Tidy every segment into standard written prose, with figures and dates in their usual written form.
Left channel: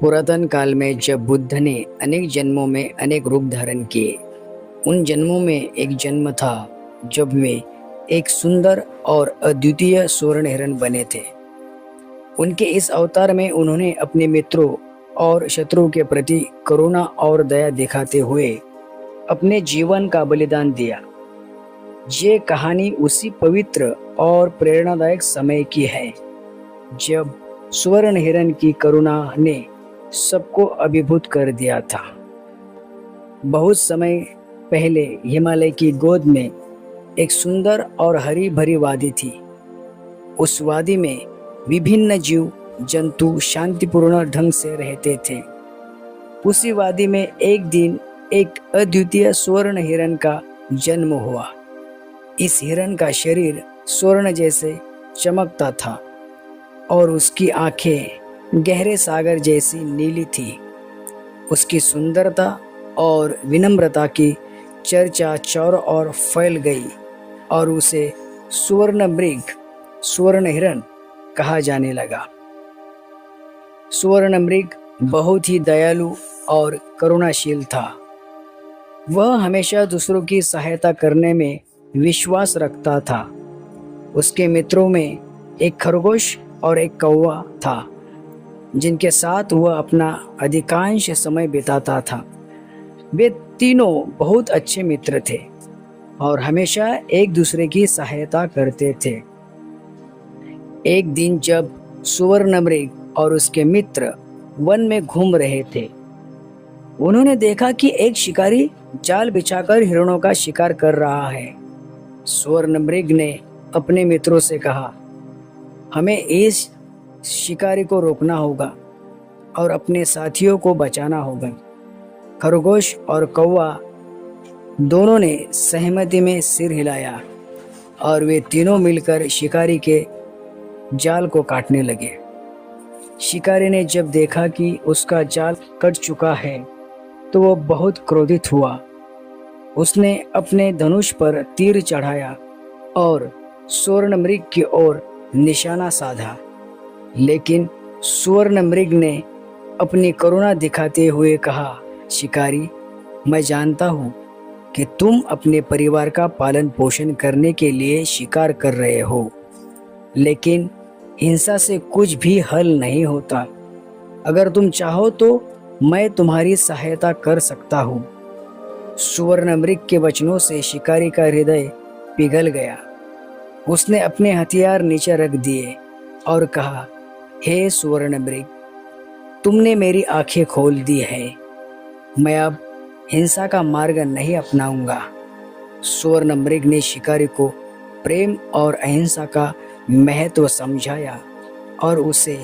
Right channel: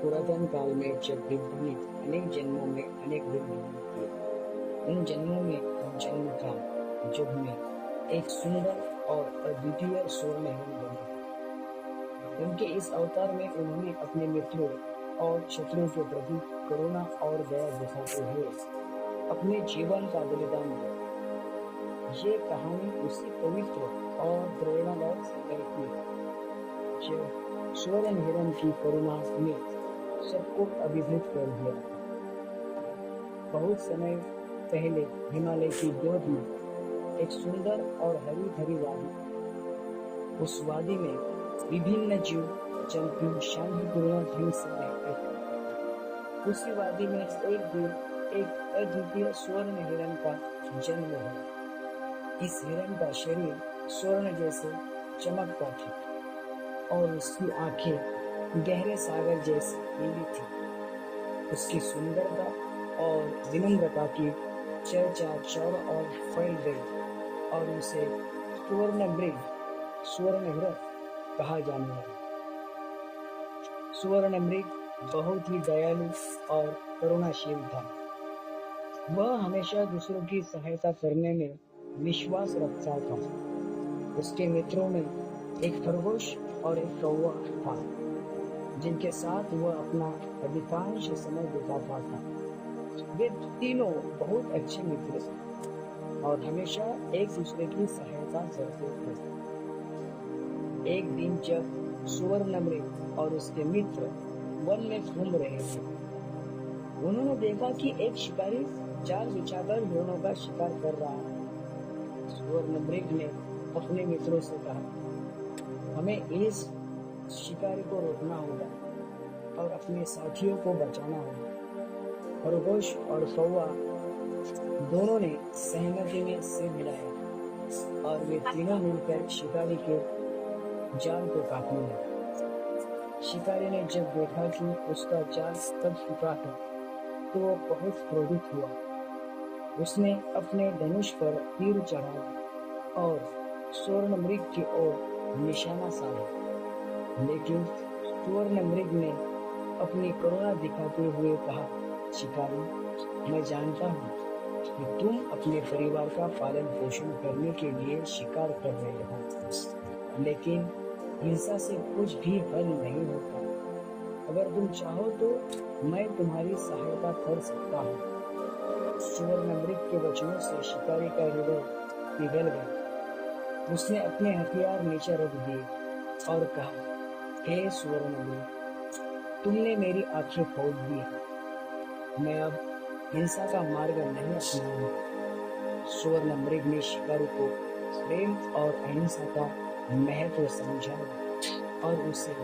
पुरातन काल में जब बुद्ध ने अनेक जन्मों में अनेक रूप धारण किए, उन जन्मों में एक जन्म था जब वे एक सुंदर और अद्वितीय स्वर्ण हिरण बने थे। उनके इस अवतार में उन्होंने अपने मित्रों और शत्रुओं के प्रति करुणा और दया दिखाते हुए अपने जीवन का बलिदान दिया। ये कहानी उसी पवित्र और प्रेरणादायक समय की है जब स्वर्ण हिरण की करुणा ने सबको अभिभूत कर दिया था। बहुत समय पहले हिमालय की गोद में एक सुंदर और हरी भरी वादी थी। उस वादी में विभिन्न जीव जंतु शांतिपूर्ण ढंग से रहते थे। उसी वादी में एक दिन एक अद्वितीय स्वर्ण हिरण का जन्म हुआ। इस हिरण का शरीर स्वर्ण जैसे चमकता था और उसकी आंखें गहरे सागर जैसी नीली थी। उसकी सुंदरता और विनम्रता की चर्चा चारों ओर फैल गई और उसे स्वर्ण मृग, स्वर्ण हिरण कहा जाने लगा। स्वर्ण मृग बहुत ही दयालु और करुणाशील था। वह हमेशा दूसरों की सहायता करने में विश्वास रखता था। उसके मित्रों में एक खरगोश और एक कौवा था, जिनके साथ वह अपना अधिकांश समय बिताता था। वे तीनों बहुत अच्छे मित्र थे और हमेशा एक दूसरे की सहायता करते थे। एक दिन जब सुवर्णमृग और उसके मित्र वन में घूम रहे थे, उन्होंने देखा कि एक शिकारी जाल बिछाकर हिरणों का शिकार कर रहा है। सुवर्णमृग ने अपने मित्रों से कहा, हमें इस शिकारी को रोकना होगा और अपने साथियों को बचाना होगा। खरगोश और कौवा दोनों ने सहमति में सिर हिलाया और वे तीनों मिलकर शिकारी के जाल को काटने लगे। शिकारी ने जब देखा कि उसका जाल कट चुका है तो वो बहुत क्रोधित हुआ। उसने अपने धनुष पर तीर चढ़ाया और सुवर्णमृग की ओर निशाना साधा। लेकिन सुवर्णमृग ने अपनी करुणा दिखाते हुए कहा, शिकारी, मैं जानता हूँ कि तुम अपने परिवार का पालन पोषण करने के लिए शिकार कर रहे हो, लेकिन हिंसा से कुछ भी हल नहीं होता। अगर तुम चाहो तो मैं तुम्हारी सहायता कर सकता हूँ। सुवर्णमृग के वचनों से शिकारी का हृदय पिघल गया। उसने अपने हथियार नीचे रख दिए और कहा, हे सुवर्णमृग, तुमने मेरी आंखें खोल दी है। मैं अब हिंसा का मार्ग नहीं अपनाऊंगा। सुवर्णमृग ने शिकारी को प्रेम और अहिंसा का महत्व समझाया और उसे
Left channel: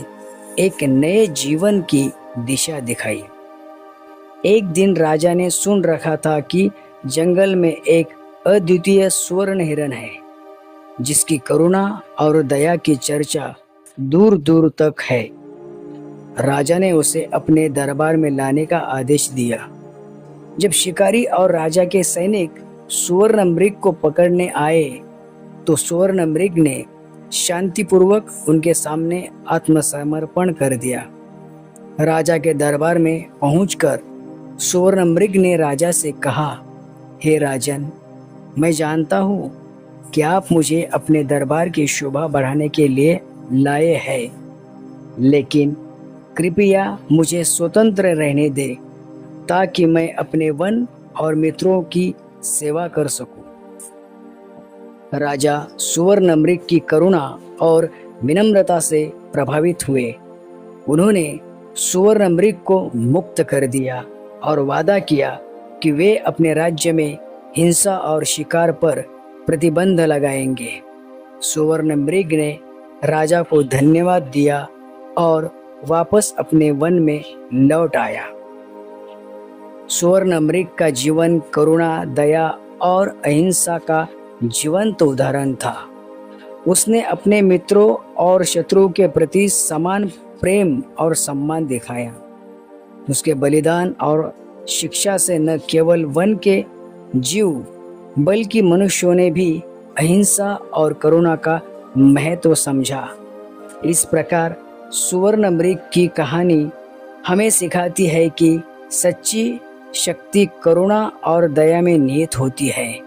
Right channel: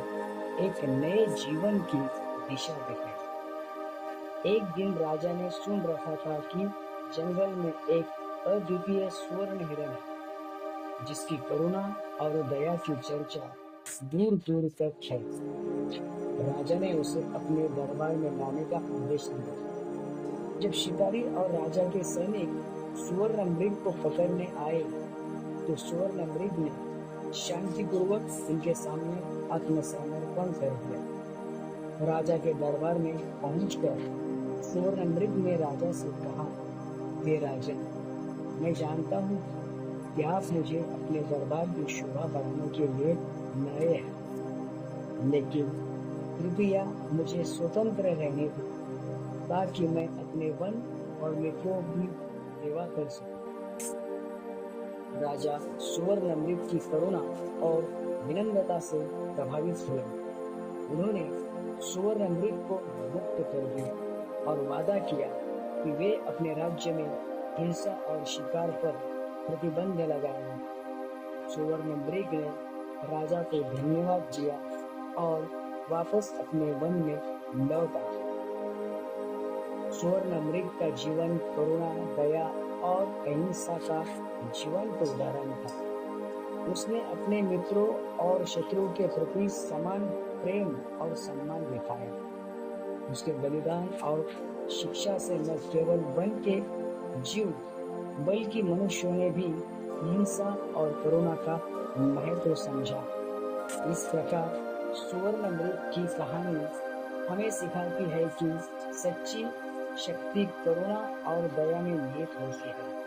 एक नए जीवन की दिशा दिखाई। एक दिन राजा ने सुन रखा था कि जंगल में एक अद्वितीय स्वर्ण हिरण है, जिसकी करुणा और दया की चर्चा दूर दूर तक है। राजा ने उसे अपने दरबार में लाने का आदेश दिया। जब शिकारी और राजा के सैनिक सुवर्णमृग को पकड़ने आए तो सुवर्णमृग ने शांतिपूर्वक उनके सामने आत्मसमर्पण कर दिया। राजा के दरबार में पहुंचकर सुवर्णमृग ने राजा से कहा, हे राजन, मैं जानता हूँ कि आप मुझे अपने दरबार की शोभा बढ़ाने के लिए लाए हैं, लेकिन कृपया मुझे स्वतंत्र रहने दे ताकि मैं अपने वन और मित्रों की सेवा कर सकूं। राजा सुवर्णमृग की करुणा और विनम्रता से प्रभावित हुए। उन्होंने सुवर्णमृग को मुक्त कर दिया और वादा किया कि वे अपने राज्य में हिंसा और शिकार पर प्रतिबंध लगाएंगे। सुवर्णमृग ने राजा को धन्यवाद दिया और वापस अपने वन में लौट आया। सुवर्णमृग का जीवन करुणा, दया और अहिंसा का जीवंत उदाहरण था। उसने अपने मित्रों और शत्रुओं के प्रति समान प्रेम और सम्मान दिखाया। उसके बलिदान और शिक्षा से न केवल वन के जीव बल्कि मनुष्यों ने भी अहिंसा और करुणा का महत्व समझा। इस प्रकार सुवर्णमृग की कहानी हमें सिखाती है कि सच्ची शक्ति करुणा और दया में निहित होती है।